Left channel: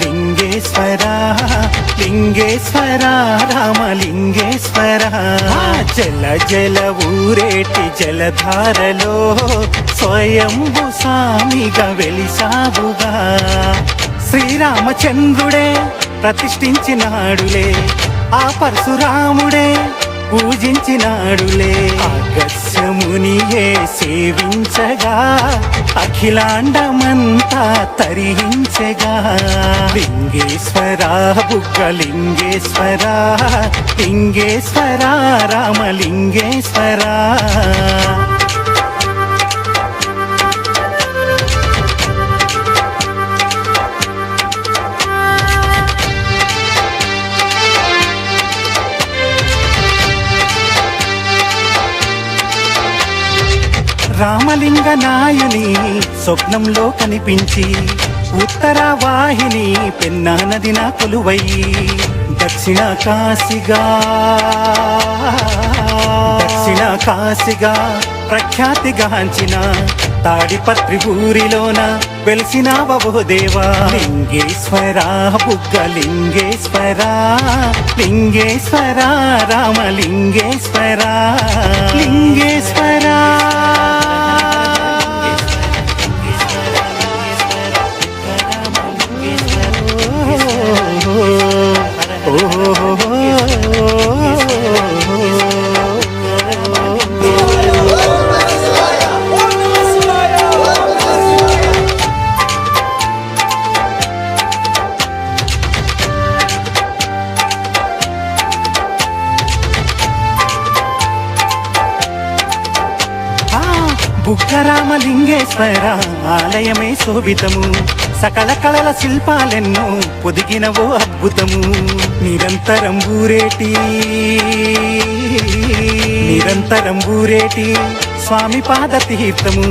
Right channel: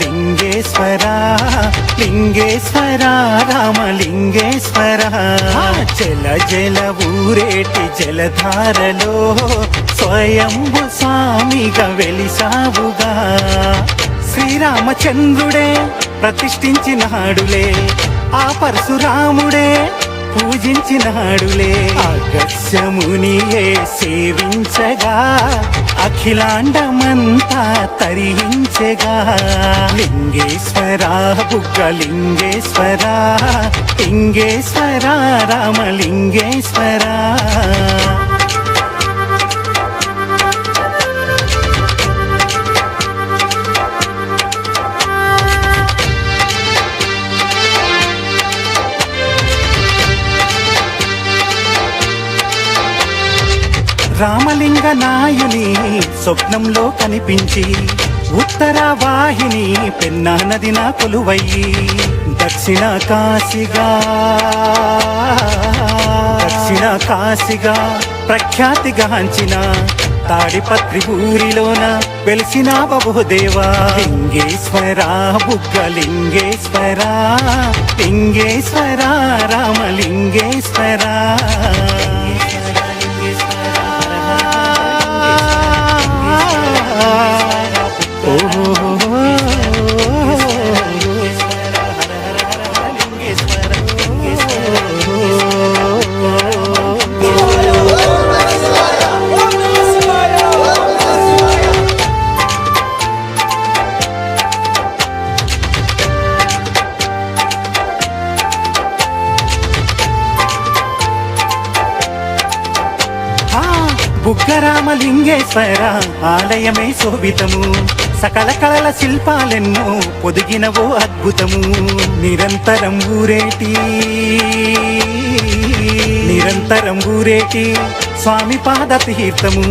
లింగేశ్వర లింగేశ్వర రామలింగేశ్వర జల జల ఊరేటి జలధారలో స్వయంభు స్వామిగా వెలిశావుగా శ్రీరామచంద్రుడే ప్రతిష్ఠించినాడులే ఆ పరశురాముడే పూజించినాడులే ఆకర్షముని సేవించగా అఖిలాండమంతా తరించగా లింగేశ్వరా బుక్కలింగేశ్వరా లింగేశ్వరా రామలింగేశ్వరా రామలింగ నాయుని స్వప్నంలో కనిపించి ఉత్తర వాయుని పిన్నా నది నా కొలువయ్యి దక్షిణ కాశిగా దక్షిణ ప్రఖ్యాతి గాంచిన తాడిపత్రి ఊరిలోన వెలిసిన బహుదేవా లింగేశ్వరా బుక్క లింగేశ్వరా లింగేశ్వరా రామలింగేశ్వరా లింగేశ్వర బుగ్గరామలింగేశ్వర ఆలయమే శోభితము సకల కళల శిల్పాలెన్నో పొదిగినవో అద్భుతము నిరంతరం ఊరేటి నిరంతరం ఊరేటి స్వామి పాద తీర్థము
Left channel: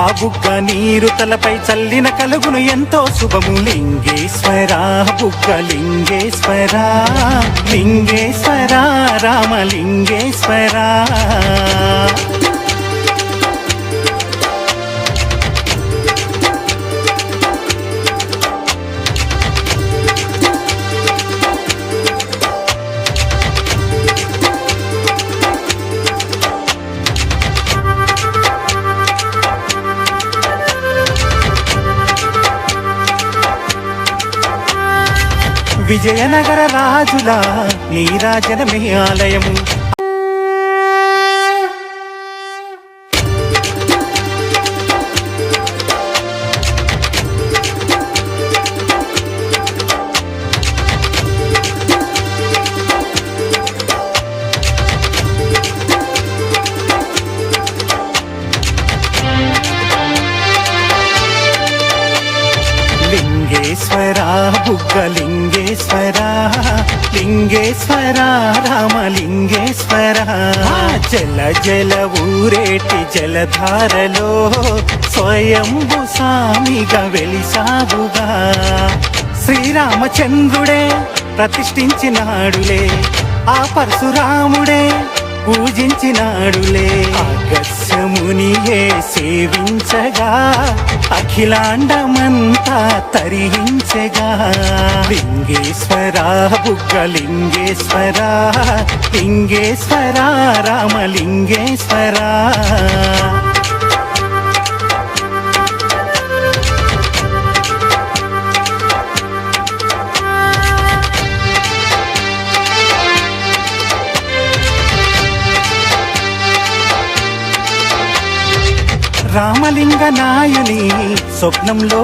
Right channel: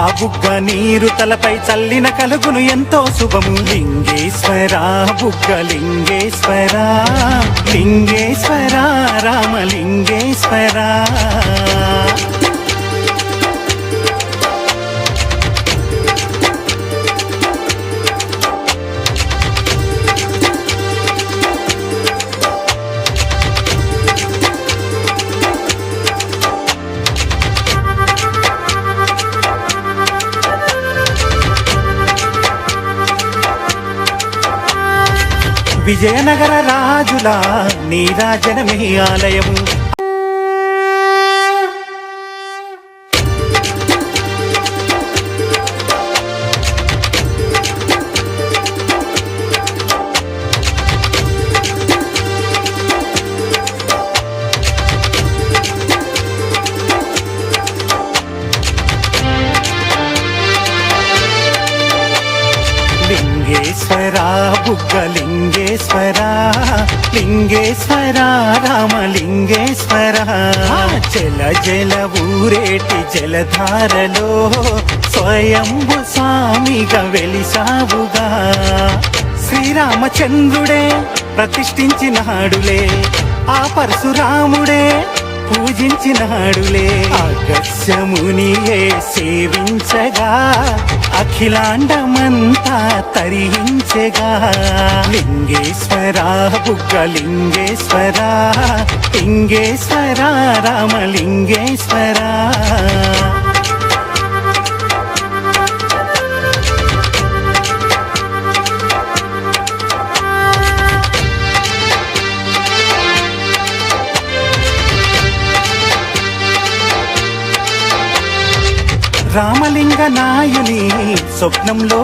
ఆ బుగ్గ నీరు తలపై చల్లిన కలుగును ఎంతో శుభము లింగేశ్వరా బుగ్గ లింగేశ్వరా లింగేశ్వరా రామలింగేశ్వరా విజయనగర రాజుల నీరాజనమే ఆలయము లింగేశ్వర బుగ్గలింగేశ్వర లింగేశ్వర రామలింగేశ్వర జల జల ఊరేటి జలధారలో స్వయంభు స్వామిగా వెలిశావుగా శ్రీరామచంద్రుడే ప్రతిష్ఠించినాడులే ఆ పరశురాముడే పూజించినాడులే ఆకర్షమునియే సేవించగా అఖిలాండమంతా తరించగా లింగేశ్వర బుగ్గలింగేశ్వర లింగేశ్వరా రామలింగేశ్వరా లింగనాయని స్వప్నంలో